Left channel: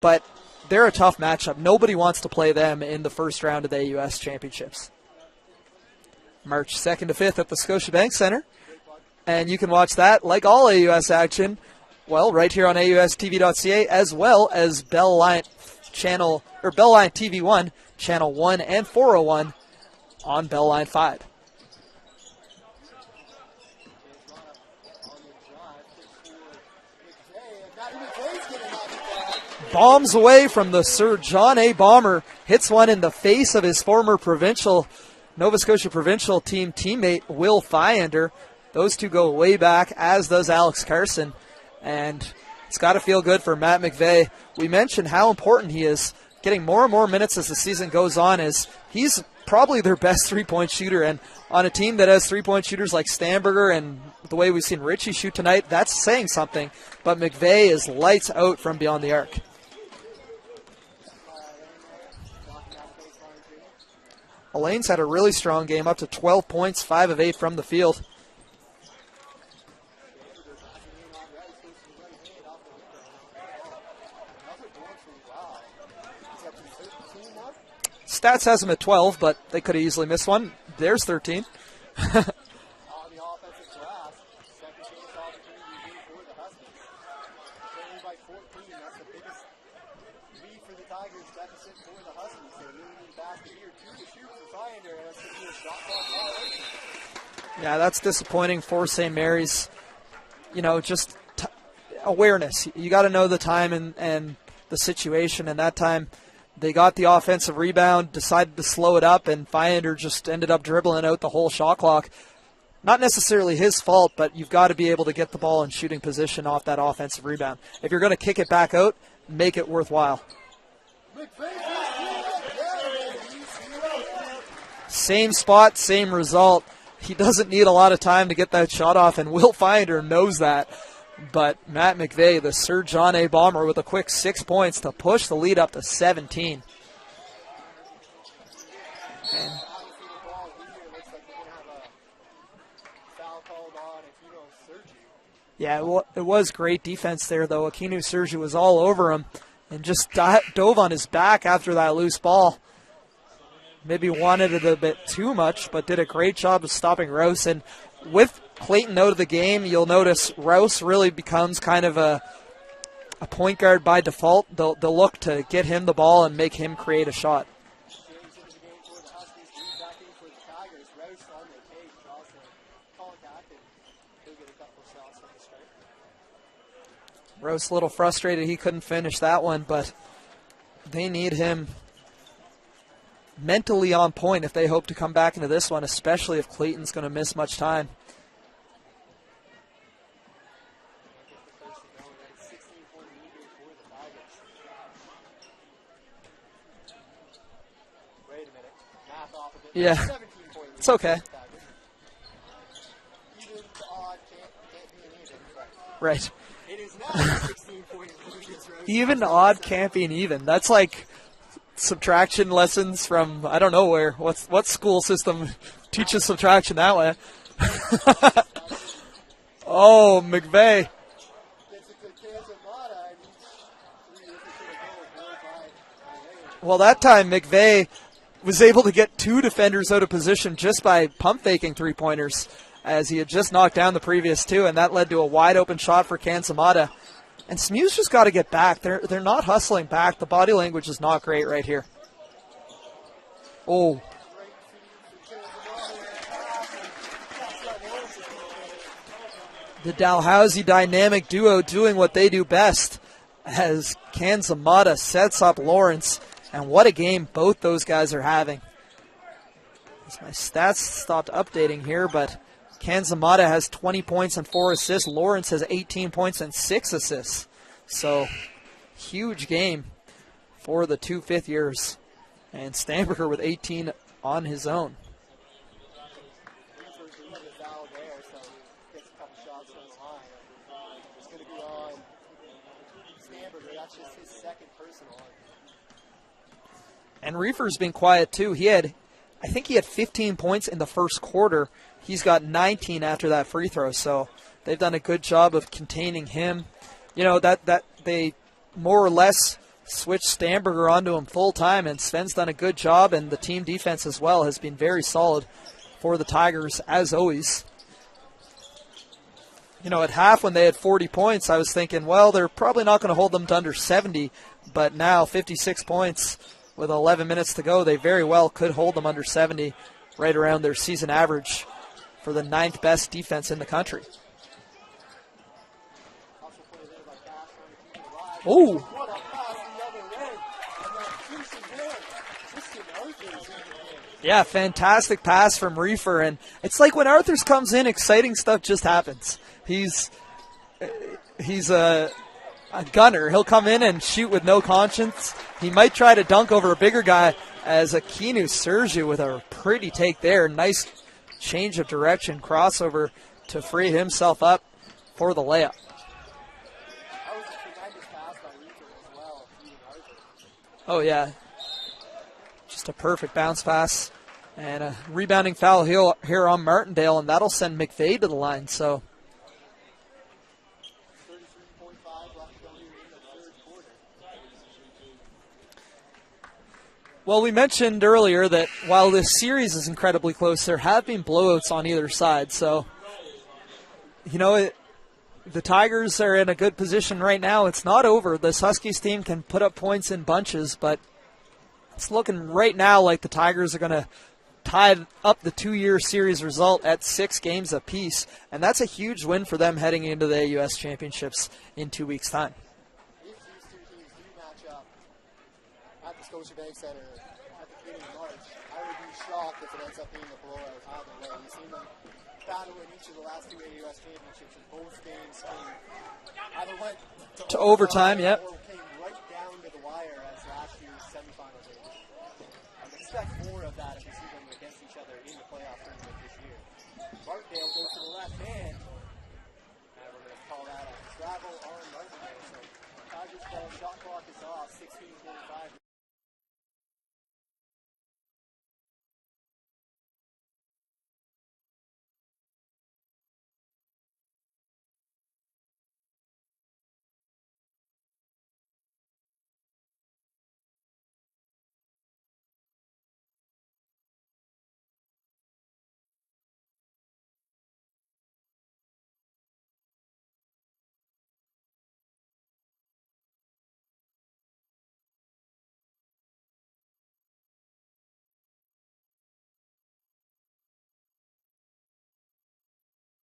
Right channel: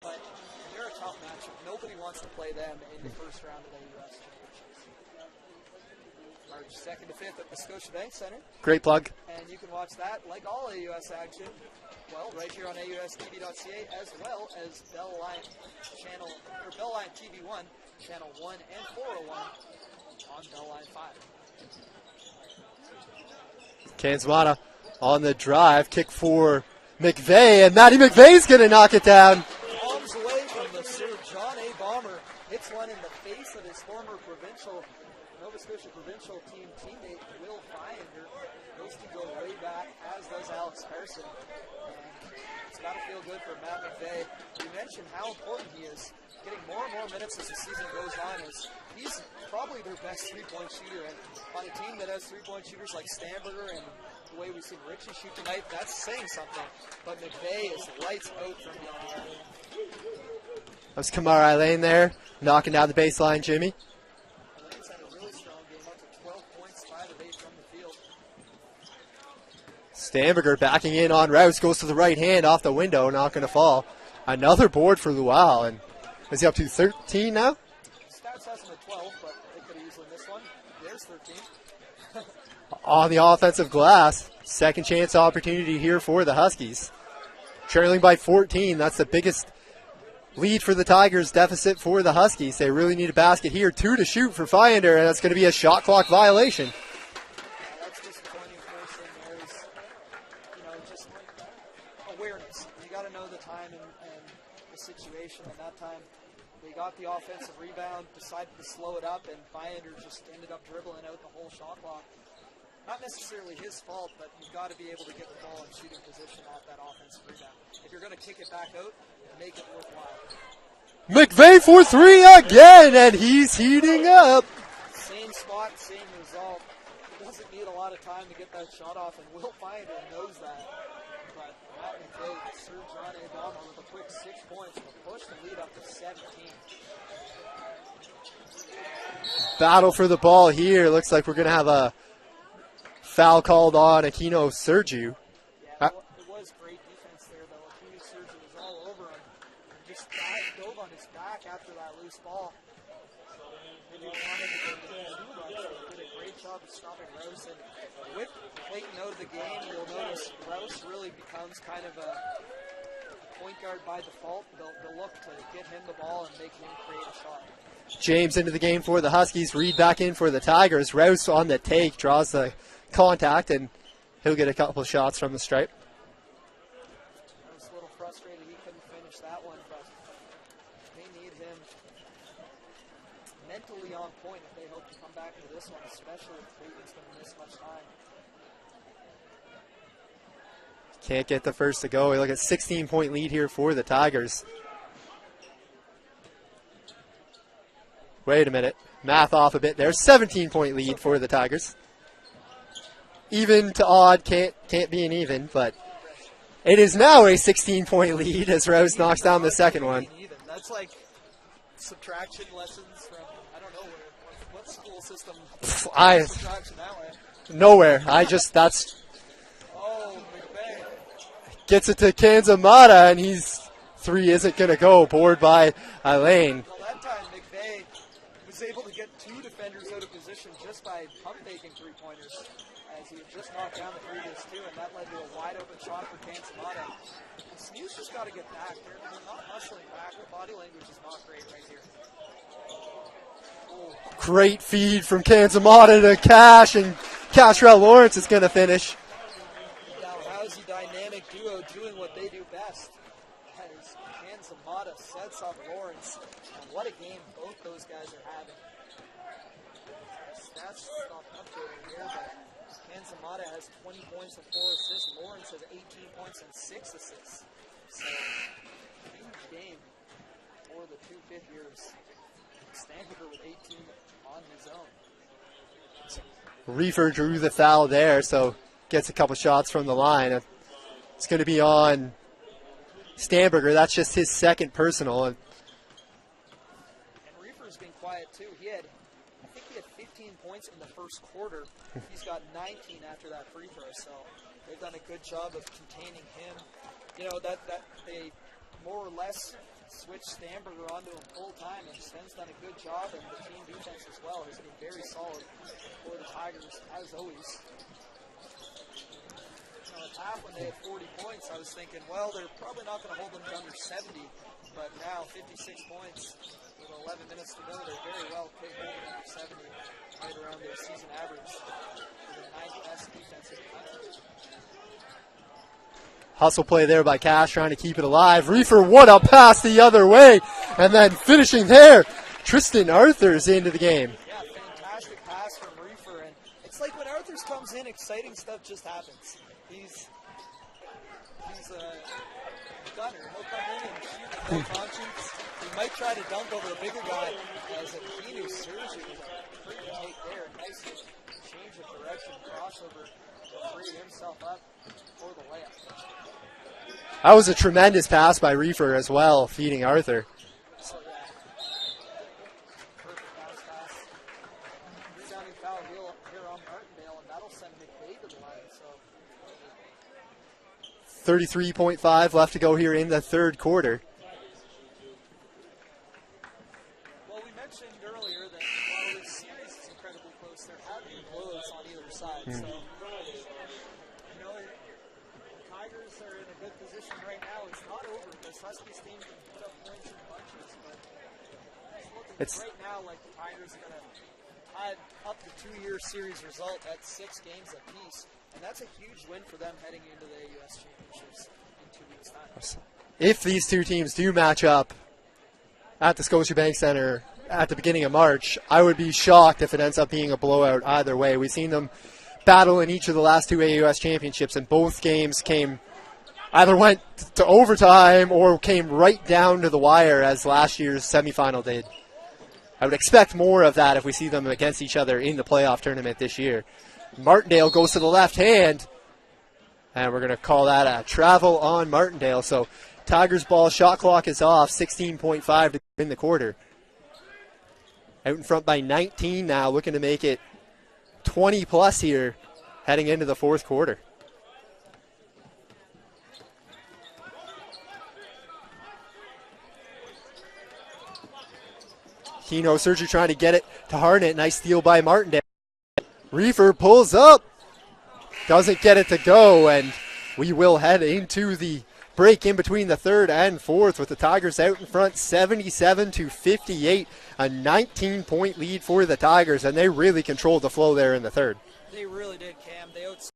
but they're a tough matchup. Nobody wants to play them in the first round of the AUS Championships. March 2nd to 5th at the Scotiabank Center. Great plug. And you can watch that, like all AUS action, well, right here on AUSTV.ca, as well as Bell Line channel, or Bell Line TV1, channel 1 and 401 on Bell Line 5. Kansmata on the drive, kick for McVeigh, and Matty McVeigh's going to knock it down. Bombs away from the Sir John A. Bomber, hits one in the face of his former Nova Scotia provincial team teammate, Will Fyander. Those two go way back, as does Alex Carson, and it's got to feel good for Matt McVeigh. We mentioned how important he is, getting more and more minutes as the season goes on, as he's probably their best three-point shooter, and on a team that has three-point shooters like Stamberger and the way we've seen Richie shoot tonight, that's saying something, but McVeigh is lights out from beyond the arc. That's Kamara Lane there, knocking down the baseline, Jimmy. Elaine's had a really strong game, up to 12 points, 5 of 8 from the field. Stamberger backing in on Rouse, goes to the right hand, off the window, not going to fall. Another board for Luau, and is he up to 13 now? Stats has him at 12, but they could have easily missed one. There's 13. On the offensive glass, second chance opportunity here for the Huskies. Trailing by 14, that's the biggest lead for the Tigers, deficit for the Huskies. They really need a basket here. 2 to shoot for Fyander, and that's going to be a shot clock violation. Yeah, that's disappointing for St. Mary's. You know, just awareness. You got to know the time and the situation, and that time they got the offensive rebound, decided to slow it up, and Fyander just ended up dribbling out the whole shot clock. Not necessarily his fault, but you've got to be able to get the ball in shooting position off that offensive rebound. If you're going to kick it back out, make it worthwhile. McVeigh for 3 again, and he's heating up. Same spot, same result. He doesn't need a lot of time to get that shot off, and Will Fyander knows that. But Matt McVeigh, the Sir John A. Bomber, with a quick 6 points to push the lead up to 17. Battle for the ball here. Looks like we're going to have a foul called on Aquino Sergiu. Yeah, it was great defense there, though. Aquino Sergiu was all over him and just dove on his back after that loose ball. Maybe wanted it a bit too much, but did a great job of stopping Rouse. And with Clayton out of the game, you'll notice Rouse really becomes kind of a point guard by default. They'll look to get him the ball and make him create a shot. James into the game for the Huskies. Reed back in for the Tigers. Rouse on the take, draws the contact, and he'll get a couple shots from the stripe. Rouse a little frustrated he couldn't finish that one, but they need him mentally on point if they hope to come back into this one, especially if Clayton's going to miss much time. Can't get the first to go. We look at 16-point lead here for the Tigers. Wait a minute. Math off a bit there. Yeah. 17-point lead for the Tigers. Even to odd can't be an even, but right. It is now a 16-point lead as Rouse knocks down the second one. Even can't be an even. That's like subtraction lessons from, I don't know where. What school system teaches subtraction that way? Nowhere. Oh, McVeigh. Gets it to Kansmata, and three isn't going to go. Board by Elaine. Well, that time McVeigh was able to get 2 defenders out of position just by pump faking three-pointers, as he had just knocked down the previous 2, and that led to a wide-open shot for Kansmata. And Smews just got to get back. They're not hustling back. The body language is not great right here. Oh, great feed from Kansmata to Cash, and Cashrell Lawrence is going to finish. The Dalhousie dynamic duo doing what they do best as Kansmata sets up Lawrence. And what a game both those guys are having. My stats stopped updating here, but Kansmata has 20 points and 4 assists. Lawrence has 18 points and 6 assists. So, huge game for the 2 fifth-years. And Stamberger with 18 on his own. Reefer drew the foul there, so gets a couple shots from the line. It's going to be on Stamberger. That's just his second personal. And Reefer's been quiet, too. I think he had 15 points in the first quarter. He's got 19 after that free throw, so they've done a good job of containing him. You know, that they more or less switched Stamberger onto him full time, and Sven's done a good job, and the team defense as well has been very solid for the Tigers, as always. You know, at half when they had 40 points, I was thinking, well, they're probably not going to hold them to under 70, but now 56 points with 11 minutes to go, they very well could hold them under 70, right around their season average for the 9th best defense in the country. Hustle play there by Cash, trying to keep it alive. Reefer, what a pass the other way. And then finishing there, Tristan Arthurs into the game. Yeah, fantastic pass from Reefer. And it's like when Arthurs comes in, exciting stuff just happens. He's a gunner. He'll come in and shoot with no conscience. He might try to dunk over a bigger guy, as Akinu Sergiu with a pretty take there. Nice change of direction, crossover to free himself up for the layup. That was a tremendous pass by Reefer as well, feeding Arthur. Oh, yeah. Just a perfect bounce pass. And a rebounding foul here on Martindale, and that'll send McVeigh to the line. So 33.5 left to go here in the third quarter. Well, we mentioned earlier that while this series is incredibly close, there have been blowouts on either side. So, you know, the Tigers are in a good position right now. It's not over. This Huskies team can put up points in bunches, but it's looking right now like the Tigers are going to tie up the 2-year series result at 6 games apiece, and that's a huge win for them heading into the AUS Championships in 2 weeks' time. If these two teams do match up at the Scotiabank Center at the beginning of March, I would be shocked if it ends up being a blowout either way. We've seen them battle in each of the last 2 AUS championships, and both games either went to overtime yep, or came right down to the wire, as last year's semifinal did. I would expect more of that if we see them against each other in the playoff tournament this year. Martindale goes to the left hand, and we're going to call that a travel on Martindale. So Tigers ball, shot clock is off, 16.5 to win the quarter. Out in front by 19 now, looking to make it 20 plus here heading into the fourth quarter. Keno Sergiu trying to get it to Harnett. Nice steal by Martindale. Reefer pulls up. Doesn't get it to go, and we will head into the break in between the third and fourth with the Tigers out in front 77-58. A 19-point lead for the Tigers, and they really controlled the flow there in the third. They really did, Cam. They